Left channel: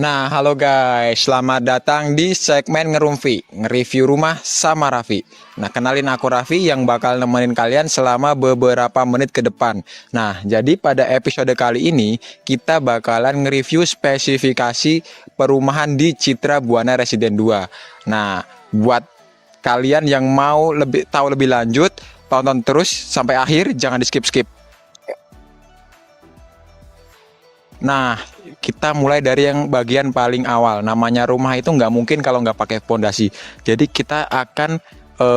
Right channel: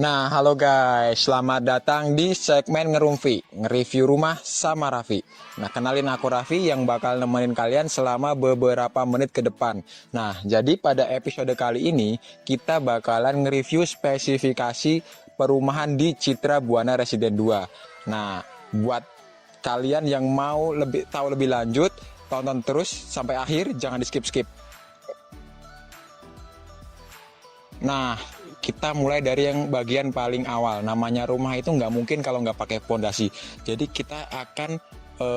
Nah, halo guys, selamat datang di segmen Ngerumfi, nge-review rumah sama Raffi. Nah, kenalin aku Raffi yang bakal nemenin kalian selama beberapa menit ke depan. Nah, jadi pada episode kali ini, kita bakalan nge-review spesifikasi perumahan di Citra Buana Residen 2. Nah, buat kalian yang mau tahu lebih lanjut, tonton terus sampai akhir, jangan di-skip-skip. Nah, kita mulai dari yang bagian paling awal. Namanya rumah itu nggak mungkin kalau nggak pakai pondasi. Jadi kita akan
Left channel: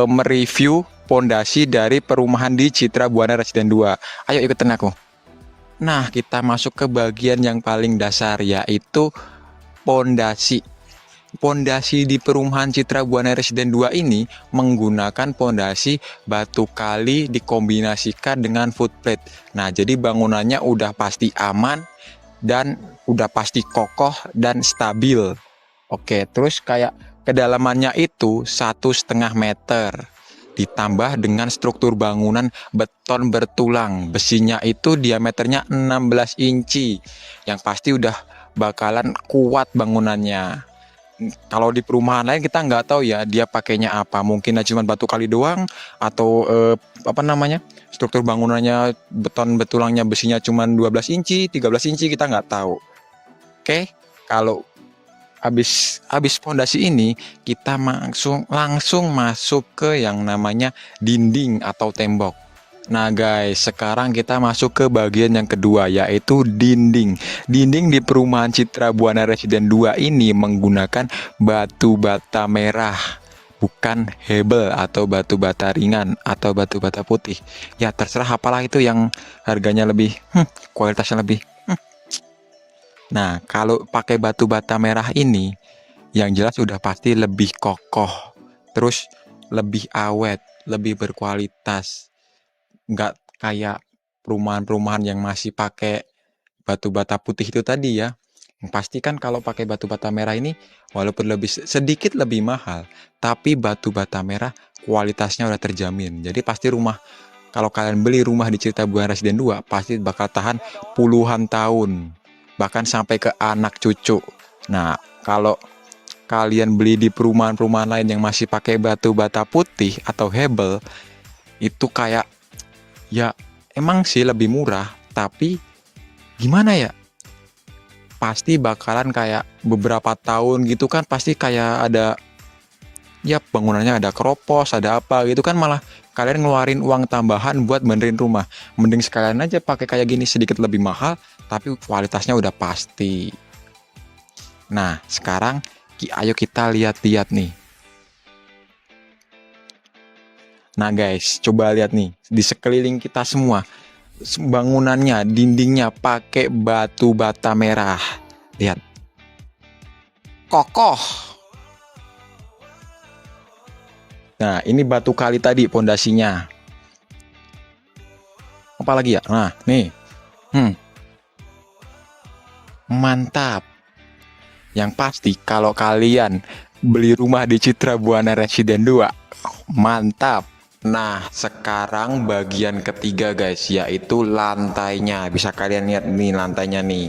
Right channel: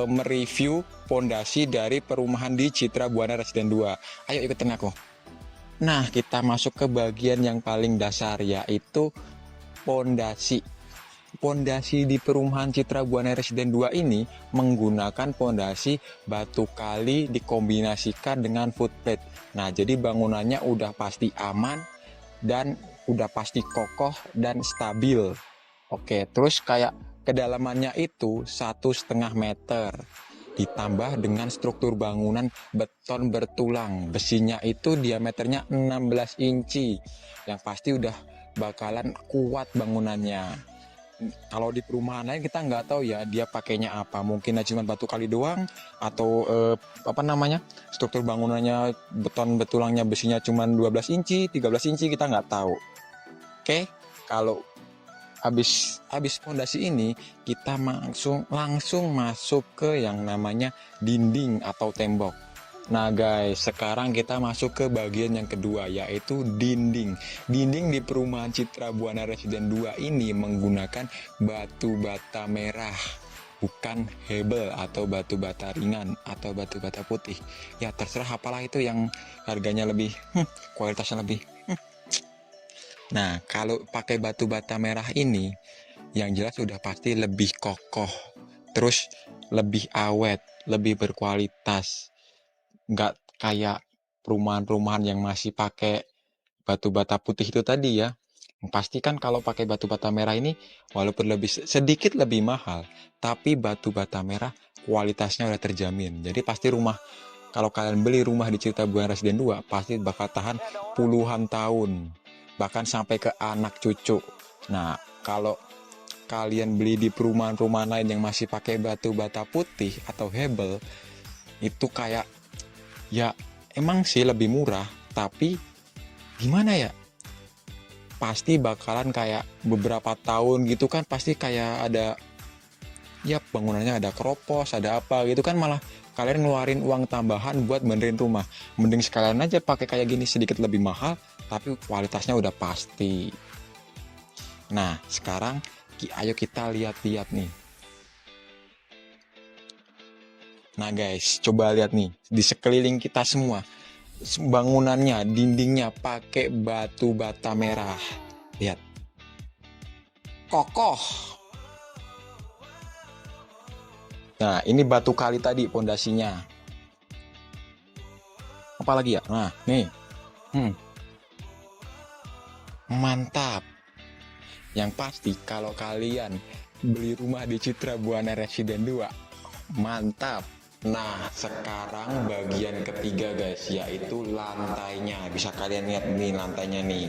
mereview pondasi dari perumahan di Citra Buana Residen 2. Ayo ikutin aku. Nah, kita masuk ke bagian yang paling dasar, yaitu pondasi. Pondasi di perumahan Citra Buana Residen 2 ini menggunakan pondasi batu kali dikombinasikan dengan footplate. Nah, jadi bangunannya udah pasti aman dan udah pasti kokoh dan stabil. Oke, terus kayak kedalamannya itu 1,5 meter. Ditambah dengan struktur bangunan beton bertulang. Besinya itu diameternya 16 inci. Yang pasti udah bakalan kuat bangunannya. Kalau di perumahan lain kita nggak tahu ya dia pakainya apa, mungkin cuma batu kali doang atau apa namanya, struktur bangunannya beton betulangnya besinya cuma 12 inci 13 inci, kita nggak tahu. Oke, kalau habis pondasi ini kita langsung masuk ke yang namanya dinding atau tembok. Nah guys, sekarang kita masuk ke bagian yang kedua, yaitu dinding. Dinding di perumahan Citra Buana Residen 2 ini menggunakan batu bata merah, bukan hebel atau batu bata ringan atau batu bata putih. Ya terserah apalah itu yang harganya lebih, kualitasnya lebih. Nah, kalau pakai batu bata merah ini, yang jelas udah pasti lebih kokoh, terus lebih awet, lebih berkualitas. Nggak kayak perumahan-perumahan yang masih pakai batu bata putih itu tadi ya. Yang pasti kan kalau pakai batu bata merah ini, walaupun sedikit lebih mahal, tapi batu bata merah kualitasnya udah terjamin. Jadi pasti kalau kalian beli rumah di Citra Buana Residen 2, pasti bakal tahan puluhan tahun, bahkan sampai ke anak cucu. Nah, kalau kalian beli di perumahan-perumahan lain yang masih pakai batu bata putih atau hebel, itu kayak, ya emang sih lebih murah, tapi gimana ya, pasti bakalan kayak beberapa tahun gitu kan, pasti kayak ada, ya bangunannya ada keropos, ada apa gitu kan, malah kalian ngeluarin uang tambahan buat benerin rumah. Mending sekalian aja pakai kayak gini, sedikit lebih mahal tapi kualitasnya udah pasti. Nah sekarang ayo kita lihat-lihat nih. Nah guys, coba lihat nih di sekeliling kita semua, bangunannya, dindingnya pakai batu bata merah. Lihat, kokoh. Nah, ini batu kali tadi pondasinya. Apalagi ya? Nah, nih. Mantap. Yang pasti kalau kalian beli rumah di Citra Buana Residen 2, mantap. Nah, sekarang bagian ketiga guys, yaitu lantainya. Bisa kalian lihat nih lantainya nih.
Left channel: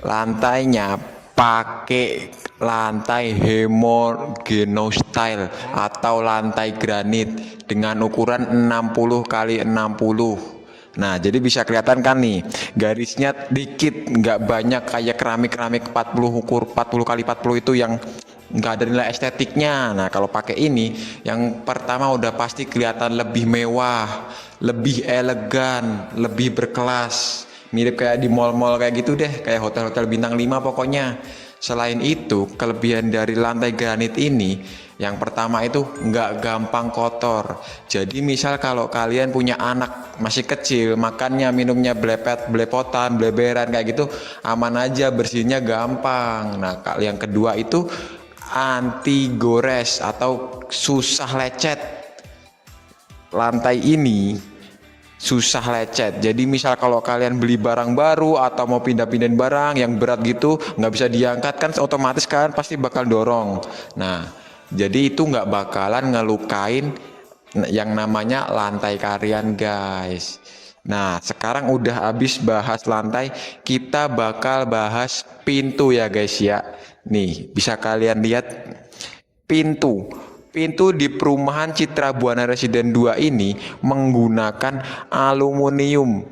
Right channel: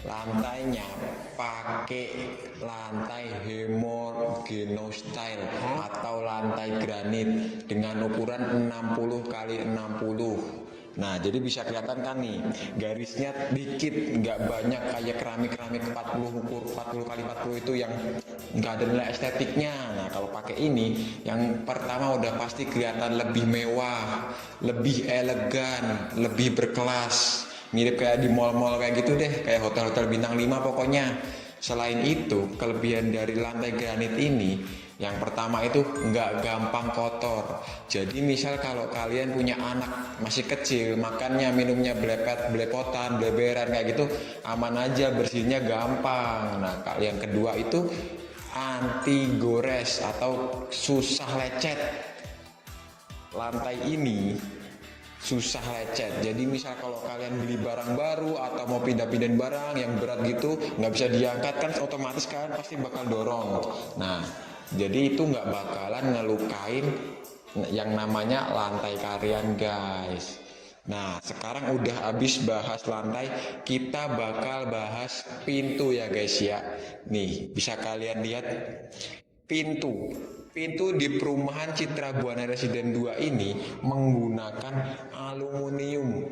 Lantainya pakai lantai Hemogeno style atau lantai granit dengan ukuran 60 kali 60. Nah, jadi bisa kelihatan kan nih, garisnya dikit, nggak banyak kayak keramik-keramik 40 ukur 40 kali 40 itu yang nggak ada nilai estetiknya. Nah, kalau pakai ini, yang pertama udah pasti kelihatan lebih mewah, lebih elegan, lebih berkelas. Mirip kayak di mall-mall kayak gitu deh, kayak hotel-hotel bintang 5 pokoknya. Selain itu, kelebihan dari lantai granit ini, yang pertama itu nggak gampang kotor. Jadi misal kalau kalian punya anak masih kecil, makannya minumnya belepotan, bleberan kayak gitu, aman aja, bersihnya gampang. Nah, yang kedua itu anti gores atau susah lecet. Lantai ini susah lecet. Jadi misal kalau kalian beli barang baru atau mau pindah-pindahin barang yang berat gitu, nggak bisa diangkat kan, otomatis kalian pasti bakal dorong. Nah, jadi itu nggak bakalan ngelukain yang namanya lantai kalian guys. Nah, sekarang udah habis bahas lantai, kita bakal bahas pintu ya guys ya. Nih, bisa kalian lihat pintu. Pintu di perumahan Citra Buana Residen 2 ini menggunakan aluminium.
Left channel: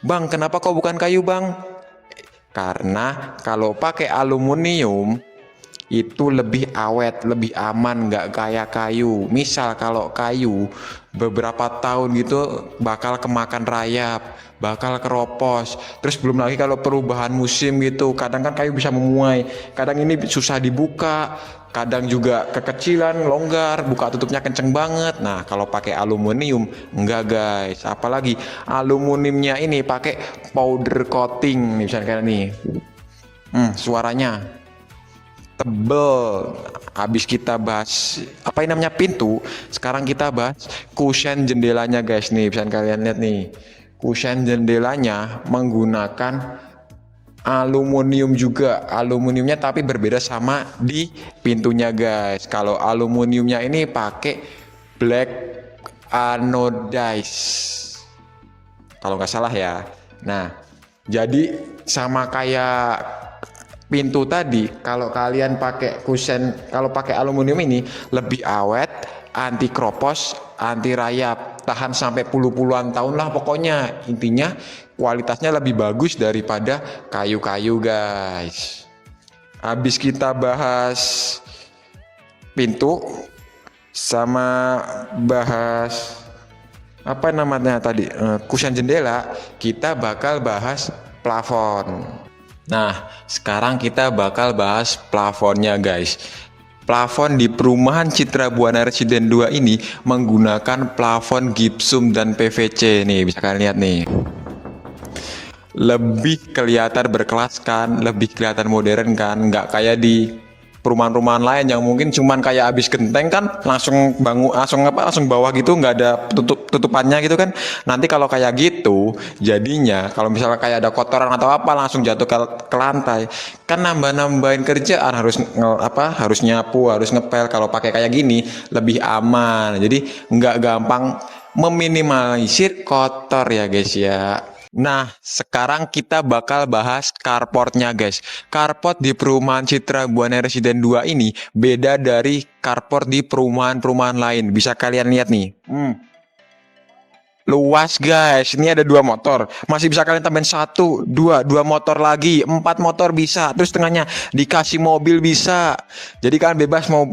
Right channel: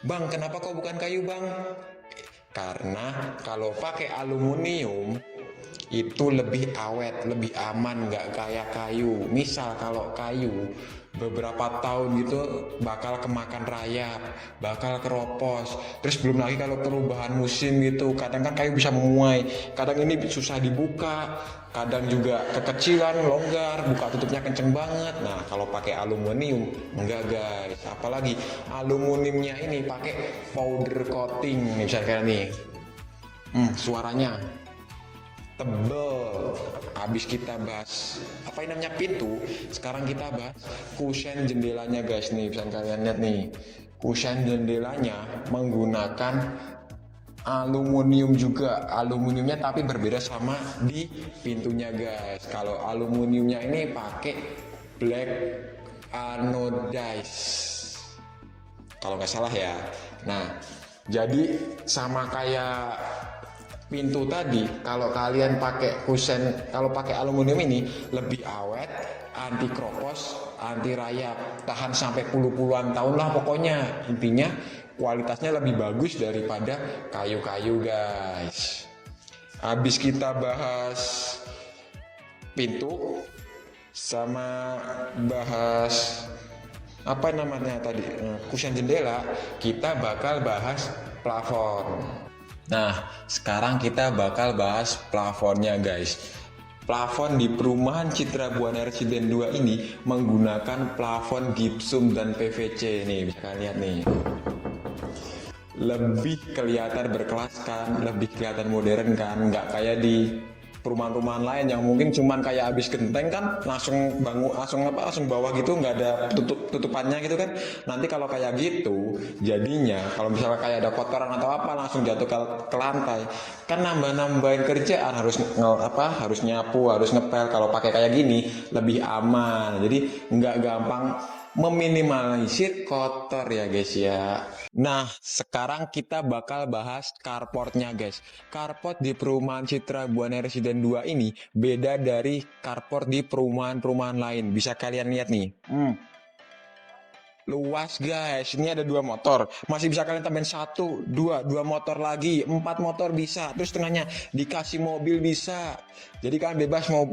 Bang, kenapa kok bukan kayu, Bang? Karena kalau pakai aluminium itu lebih awet, lebih aman, nggak kayak kayu. Misal kalau kayu beberapa tahun gitu bakal kemakan rayap, bakal keropos. Terus belum lagi kalau perubahan musim gitu, kadang kan kayu bisa memuai, kadang ini susah dibuka, kadang juga kekecilan, longgar, buka tutupnya kenceng banget. Nah, kalau pakai aluminium enggak guys, apalagi aluminiumnya ini pakai powder coating nih, misalnya kayak nih. Suaranya tebel. Habis kita bahas apa ini namanya pintu, sekarang kita bahas kusen jendelanya guys. Nih bisa kalian lihat nih, kusen jendelanya menggunakan aluminium juga, aluminiumnya tapi berbeda sama di pintunya guys. Kalau aluminiumnya ini pakai black anodize kalau nggak salah ya. Nah, jadi sama kayak pintu tadi, kalau kalian pakai kusen, kalau pakai aluminium ini lebih awet, anti kropos, anti rayap, tahan sampai puluh-puluhan tahun lah pokoknya. Intinya kualitasnya lebih bagus daripada kayu-kayu guys. Habis kita bahas pintu sama bahas apa namanya tadi, kusen jendela, kita bakal bahas plafon. Nah, sekarang kita bakal bahas plafonnya guys. Plafon di perumahan Citra Buana Residen 2 ini menggunakan plafon gypsum dan PVC. Nih, bisa kalian lihat nih. Lebih kelihatan berkelas kan, lebih kelihatan modern kan, nggak kayak di perumahan-perumahan lain yang mungkin cuman kayak habis genteng kan langsung bangun, langsung bawah gitu, nggak ada tutupannya gitu kan. Nanti kalau kayak gitu jadinya kalau misalnya kayak ada kotoran atau apa langsung jatuh ke lantai kan, nambahin kerjaan, harus nyapu, harus ngepel. Kalau pakai kayak gini lebih aman, jadi nggak gampang, meminimalisir kotor ya guys ya. Nah, sekarang kita bakal bahas carportnya guys. Carport di perumahan Citra Buana Residen 2 ini beda dari carport di perumahan-perumahan lain. Bisa kalian lihat nih. Luas guys, ini ada 2 motor, masih bisa kalian tambahin 1, 2 motor lagi, 4 motor bisa, terus tengahnya dikasih mobil bisa. Jadi kalian bebas mau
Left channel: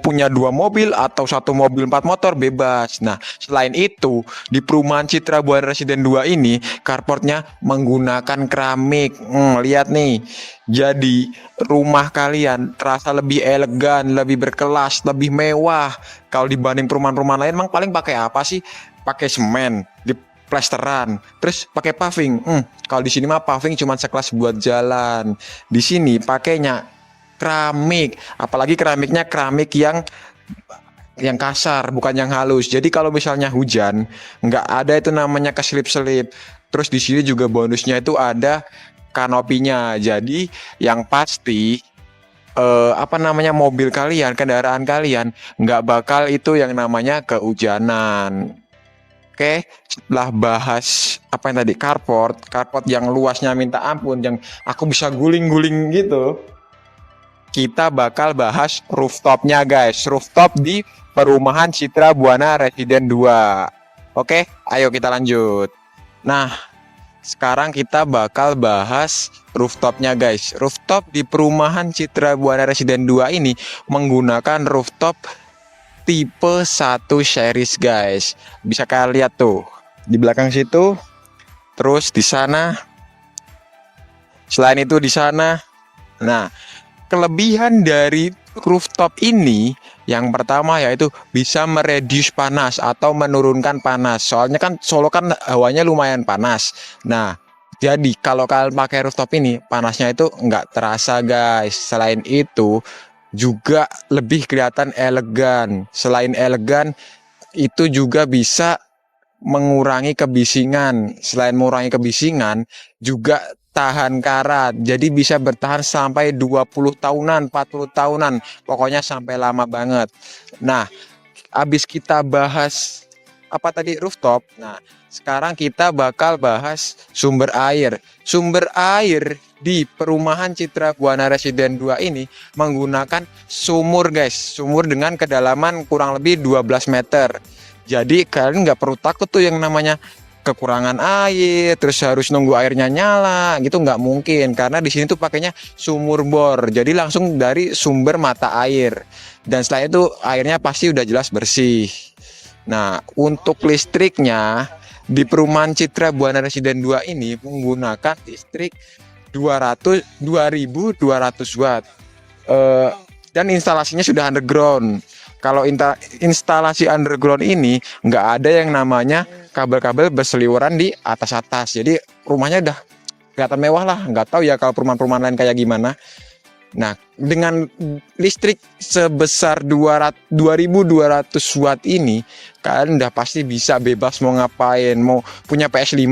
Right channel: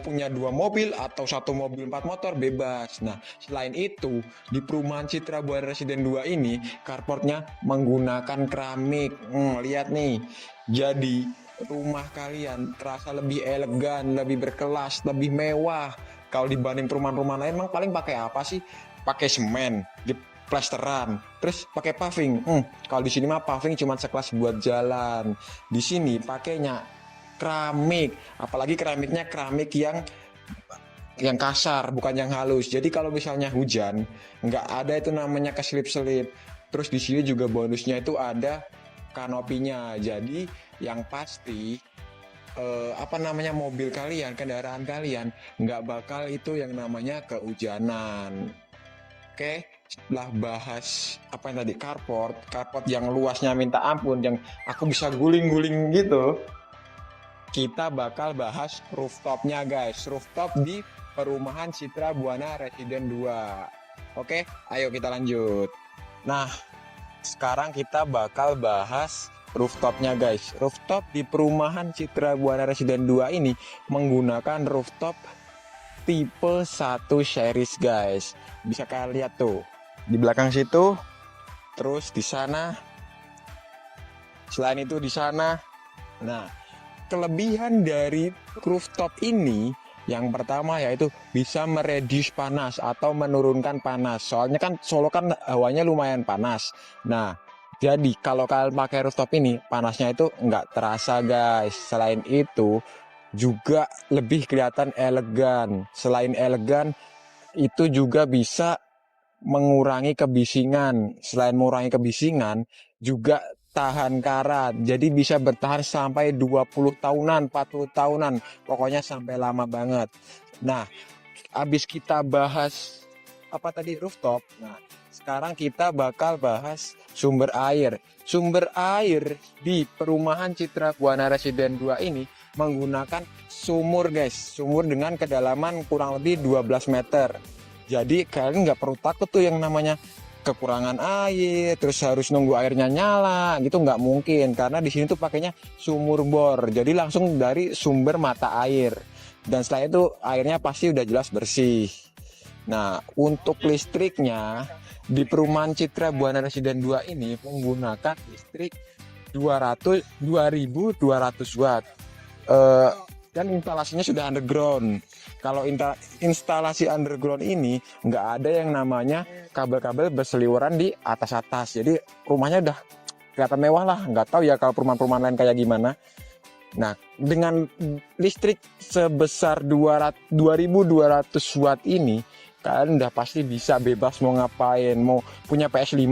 punya 2 mobil atau 1 mobil 4 motor bebas. Nah, selain itu di perumahan Citra Buana Residen 2 ini carportnya menggunakan keramik. Lihat nih, jadi rumah kalian terasa lebih elegan, lebih berkelas, lebih mewah. Kalau dibanding perumahan-perumahan lain, emang paling pakai apa sih? Pakai semen di plesteran, terus pakai paving. Kalau di sini mah paving cuma sekelas buat jalan. Di sini pakainya keramik, apalagi keramiknya keramik yang kasar, bukan yang halus. Jadi kalau misalnya hujan, nggak ada itu namanya keselip-selip. Terus di sini juga bonusnya itu ada kanopinya. Jadi yang pasti mobil kalian, kendaraan kalian nggak bakal itu yang namanya kehujanan. Oke, setelah bahas apa yang tadi, carport yang luasnya minta ampun, yang aku bisa guling-guling gitu, kita bakal bahas rooftopnya guys. Rooftop di perumahan Citra Buana Residen 2. Oke, ayo kita lanjut. Nah, sekarang kita bakal bahas rooftopnya guys. Rooftop di perumahan Citra Buana Residen 2 ini menggunakan rooftop tipe 1 series guys. Bisa kalian lihat tuh di belakang situ, terus di sana, selain itu di sana. Nah, kelebihan dari rooftop ini yang pertama yaitu bisa mereduce panas atau menurunkan panas. Soalnya kan Solo kan hawanya lumayan panas. Nah, jadi kalau kalian pakai rooftop ini panasnya itu nggak terasa guys. Selain itu juga lebih kelihatan elegan. Selain elegan, itu juga bisa mengurangi kebisingan. Selain mengurangi kebisingan, juga tahan karat. Jadi bisa bertahan sampai 20 tahunan, 40 tahunan. Pokoknya sampai lama banget. Nah, habis kita bahas apa tadi, rooftop. Nah, sekarang kita bakal bahas sumber air. Sumber air di perumahan Citra Buana Residen 2 ini menggunakan sumur guys. Sumur dengan kedalaman kurang lebih 12 meter. Jadi kalian nggak perlu takut tuh yang namanya kekurangan air, terus harus nunggu airnya nyala, gitu nggak mungkin. Karena di sini tuh pakainya sumur bor, jadi langsung dari sumber mata air. Dan setelah itu airnya pasti udah jelas bersih. Nah, untuk listriknya di perumahan Citra Buana Residen 2 ini menggunakan listrik 2200 watt. Dan instalasinya sudah underground. Kalau instalasi underground ini nggak ada yang namanya kabel-kabel berseliweran di atas-atas. Jadi rumahnya udah kelihatan mewah lah. Nggak tahu ya kalau perumahan-perumahan lain kayak gimana. Nah, dengan listrik sebesar 2200 watt ini, kalian udah pasti bisa bebas mau ngapain. Mau punya PS5,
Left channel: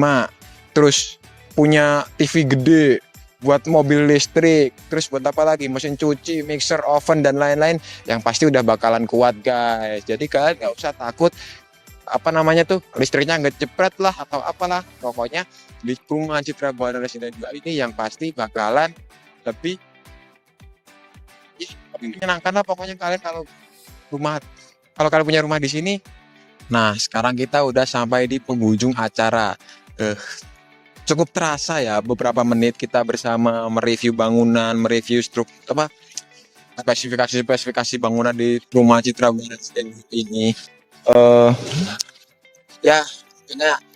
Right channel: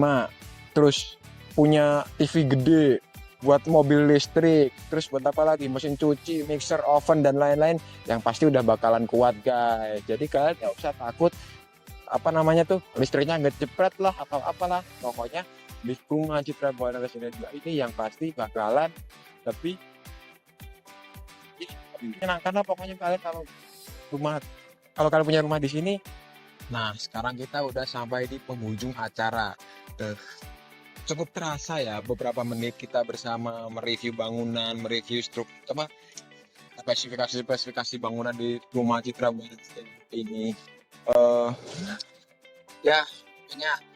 terus punya TV gede, buat mobil listrik, terus buat apa lagi, mesin cuci, mixer, oven, dan lain-lain, yang pasti udah bakalan kuat guys. Jadi kalian nggak usah takut apa namanya tuh listriknya nggak jepret lah atau apalah. Pokoknya di perumahan Citra Buana Residen 2 ini yang pasti bakalan lebih menyenangkan lah. Pokoknya kalian kalau kalian punya rumah di sini. Nah, sekarang kita udah sampai di penghujung acara. Cukup terasa ya beberapa menit kita bersama mereview bangunan, mereview spesifikasi bangunan di rumah Citra Buana Residen ini. Ya,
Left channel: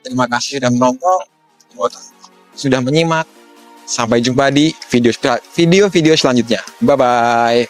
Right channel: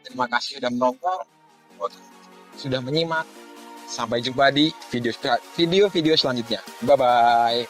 terima kasih sudah menonton, sudah menyimak. Sampai jumpa di video selanjutnya. Bye bye.